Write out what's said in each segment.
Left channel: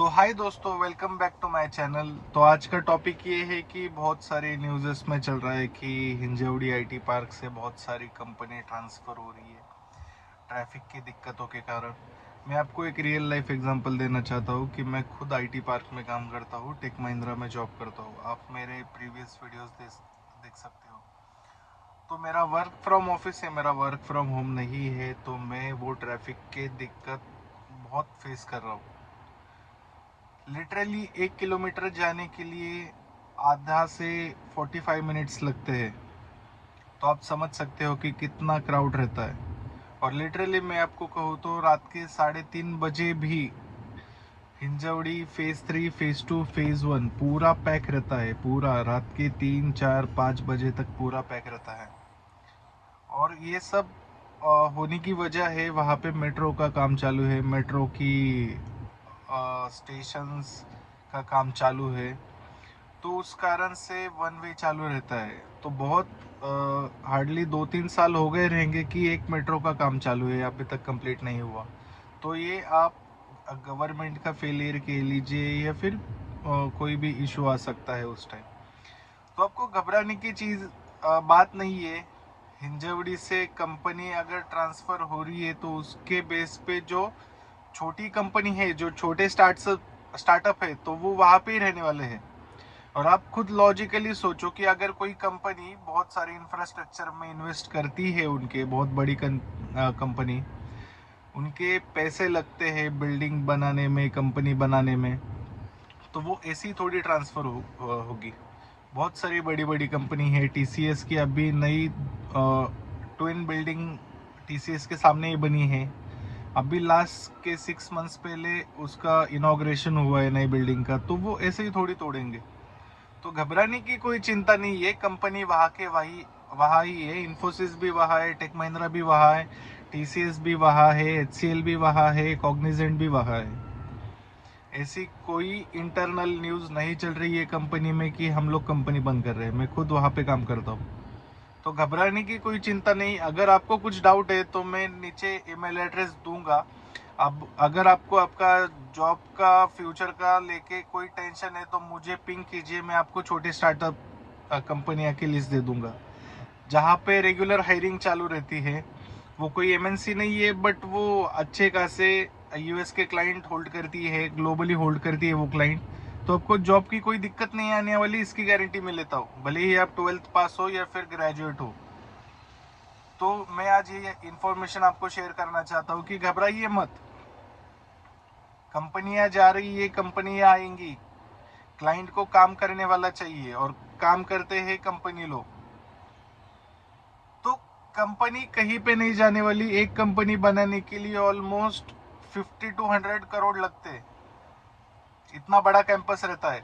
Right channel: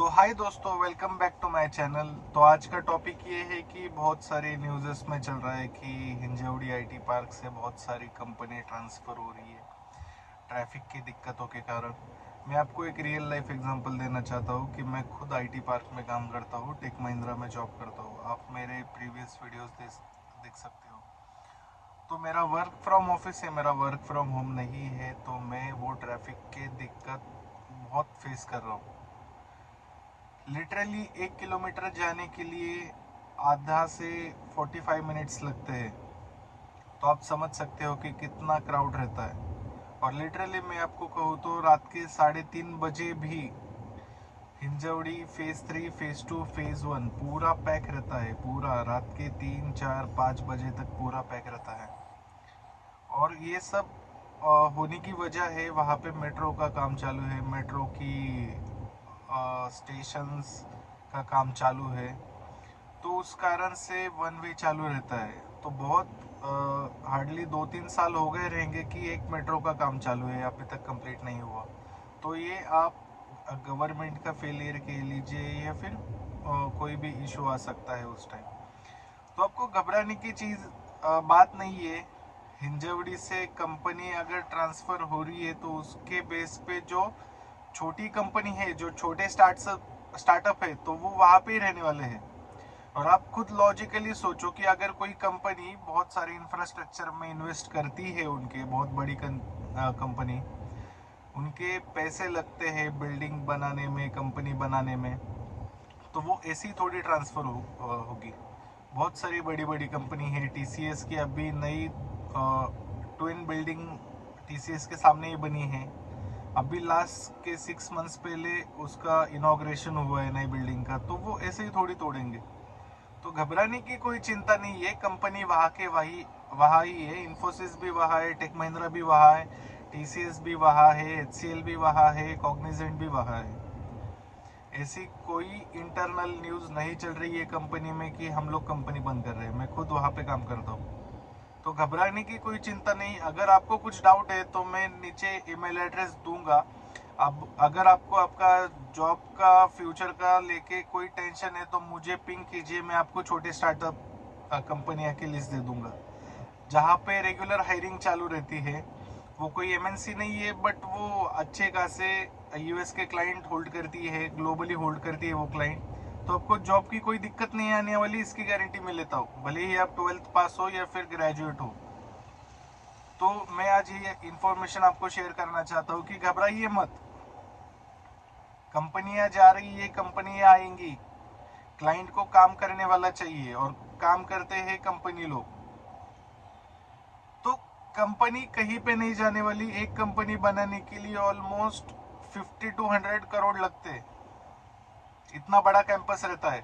तो हाय दोस्तों, welcome back to my channel. तो आज का टॉपिक ये है कि बहुत सारे न्यूज़ में चल रहा है कि हिंजवड़ी आईटी पार्क से बहुत सारी कंपनी ट्रांसफ़र हो रही है ट्रैफिक की दिक्कतों के कारण। मैं आपको एक रियल लाइफ एग्जांपल देना चाहता हूँ कि मैं खुद आईटी पार्क में काम करता हूँ, टेक महिंद्रा में जॉब करता हूँ। आप मेरे प्रीवियस वीडियोस देख सकते हो। तो मेरा वर्क फ्रॉम ऑफिस है, मेरा वर्क फ्रॉम होम नहीं है। तो मैं वो ट्रैफिक के दिक्कत बहुत फेस कर रहा हूँ। लिटरली 1 किलोमीटर जाने के लिए आधा से 45 मिनट्स लगते हैं। तो आप समझ सकते हो कि कितना क्राउड रहता है। और लिटरली मैं आपको कहूँ तो रात के 3:30 बजे भी हिंजवड़ी फेज 3, फेज 2, फेज 1 पूरा पैक रहता है। पूरा रात के 3, 4, 5 बजे तक पूरा पैक रहता है। और ये सब होने की वजह है, वहाँ पे मेट्रो का काम चालू है, मेट्रो की स्टेशंस का काम चालू है। तो उस कारण से वन वे चालू रहता है। तो बहुत हार्डली 2-3 साल हो गए रहेंगे कि एक मेट्रो का काम चालू है, अभी तक कंप्लीट नहीं हुआ। तो ये आप गवर्नमेंट का फेलियर कह लीजिए या फिर कोई भी इशू आ सकता है उस टाइम। तो आपको घबराने की बात नहीं है। हिंजवड़ी से कंपनी अगर ट्रांसफ़र हो रही है तो उसके बेस पे जो छोटी कंपनी है, जो छोटे स्टार्टअप है, तो वो वहाँ पे ही रहने वाले हैं। और आप खुद लॉजिकली सोचो कि अगर कोई कंपनी बहुत सारे इंफ्रास्ट्रक्चर में इन्वेस्ट करती है, उनके बहुत बड़ी कंपनी, उनके पैसे लगते हैं बिल्डिंग बनाने में, कंपनी बनाने में, तो वो ऐसी थोड़ी ट्रांसफ़र होगी। बहुत सारी बड़ी बड़ी कंपनी है। टीसीएस की अभी नई ट्विन बिल्डिंग टीसीएस के सामने ही बनी है। अभी लास्ट के 6 मंथ्स पहले उसका इनॉग्रेशन हुआ है नई बिल्डिंग का। तो वो ऐसे ही थोड़ी तोड़ेंगे। तो घबराने की कोई चिंता नहीं है। कंपनी वहाँ ही है। इन्फोसिस भी वहाँ है, टेक महिंद्रा भी वहाँ है, टीसीएस भी वहाँ है, एचसीएल भी वहाँ है, कॉग्निजेंट भी वहाँ है। ऐसी कोई इंटरनल न्यूज़ नहीं चल रही है कंपनी में कि हम लोग कंपनी बंद कर रहे हैं। मैं खुद वहाँ पे काम करता हूँ। तो घबराने की कोई चिंता नहीं। अगर आपको कुछ डाउट है तो मैं नीचे ईमेल एड्रेस दूंगा। अब अगर आपको आपका जॉब का फ्यूचर का लेके कोई टेंशन है तो मुझे पिंग कीजिए। मैं आपको छोटी स्टार्टअप कंपनियां की लिस्ट दे दूंगा जहाँ पे रेगुलर हायरिंग चालू रहती है। वो कोई एमएनसी नहीं है, बट वो अच्छे खासे यूएस के क्लाइंट होल्ड करती है, ग्लोबली होल्ड करती है वो क्लाइंट। तो आपको जॉब की कोई दिक्कत नहीं आने वाली, इसकी गारंटी मैं लेता हूँ, भले ही आप 12th पास हो या फिर ग्रेजुएट हो। तो मैं आज ये इन्फॉर्मेशन आपको शेयर करना चाहता हूँ कि घबराइए मत। कंपनियां जा रही है, कंपनियां आएंगी। क्लाइंट को काम करने वाला चाहिए और काम करते हैं कंपनी लोग। तो कंपनी कहीं पे नहीं जाने वाली। एक कंपनी बनाने के लिए ऑलमोस्ट 50 to 100 करोड़ लगते हैं। इतना बड़ा कैंपस रहता है।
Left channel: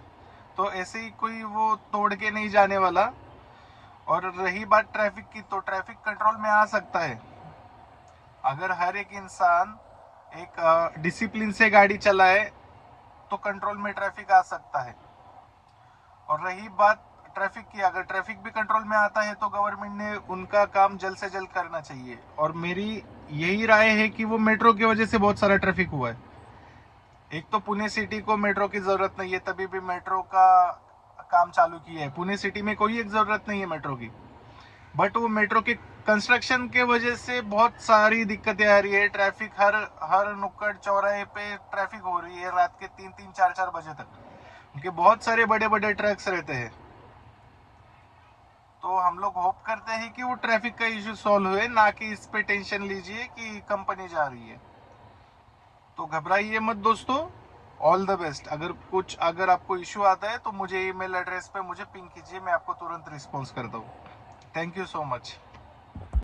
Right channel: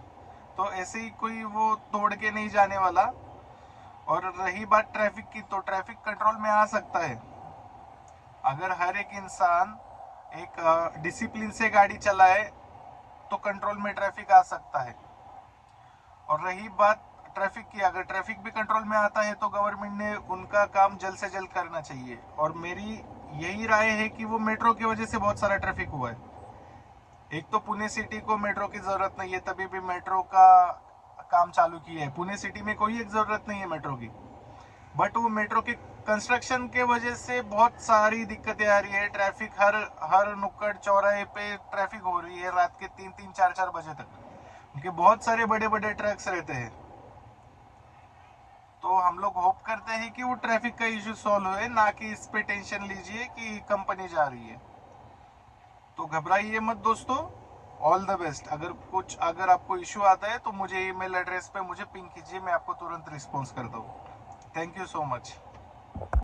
तो ऐसे ही कोई वो तोड़ के नहीं जाने वाला। और रही बात ट्रैफिक की, तो ट्रैफिक कंट्रोल में आ सकता है अगर हर एक इंसान एक डिसिप्लिन से गाड़ी चलाए, तो कंट्रोल में ट्रैफिक आ सकता है। और रही बात ट्रैफिक की, अगर ट्रैफिक भी कंट्रोल में आता है तो गवर्नमेंट ने उनका काम जल्द से जल्द करना चाहिए। और मेरी यही राय है कि वो मेट्रो की वजह से बहुत सारा ट्रैफिक हुआ है। एक तो पुणे सिटी को मेट्रो की जरूरत नहीं है, तभी भी मेट्रो का काम चालू किया है। पुणे सिटी में कोई एक जरूरत नहीं है मेट्रो की, बट वो मेट्रो के कंस्ट्रक्शन के वजह से बहुत सारी दिक्कतें आ रही है। ट्रैफिक हर हर नुक्कड़ चौराहे पे ट्रैफिक हो रही है रात के 3-3, 4-4 बजे तक, क्योंकि बहुत सारे बड़े बड़े ट्रक्स रहते हैं। तो हम लोग होप करते हैं कि वो ट्रैफिक का इशू सॉल्व हुए, ना कि इस पे टेंशन लीजिए कि कंपनी जा रही है। तो घबराइए मत दोस्तों। All the best. अगर आपको इशू आता है तो मुझे ईमेल एड्रेस पे मुझे पिंग कीजिए, मैं आपको तुरंत रिस्पॉन्स करता हूँ। Thank you so much.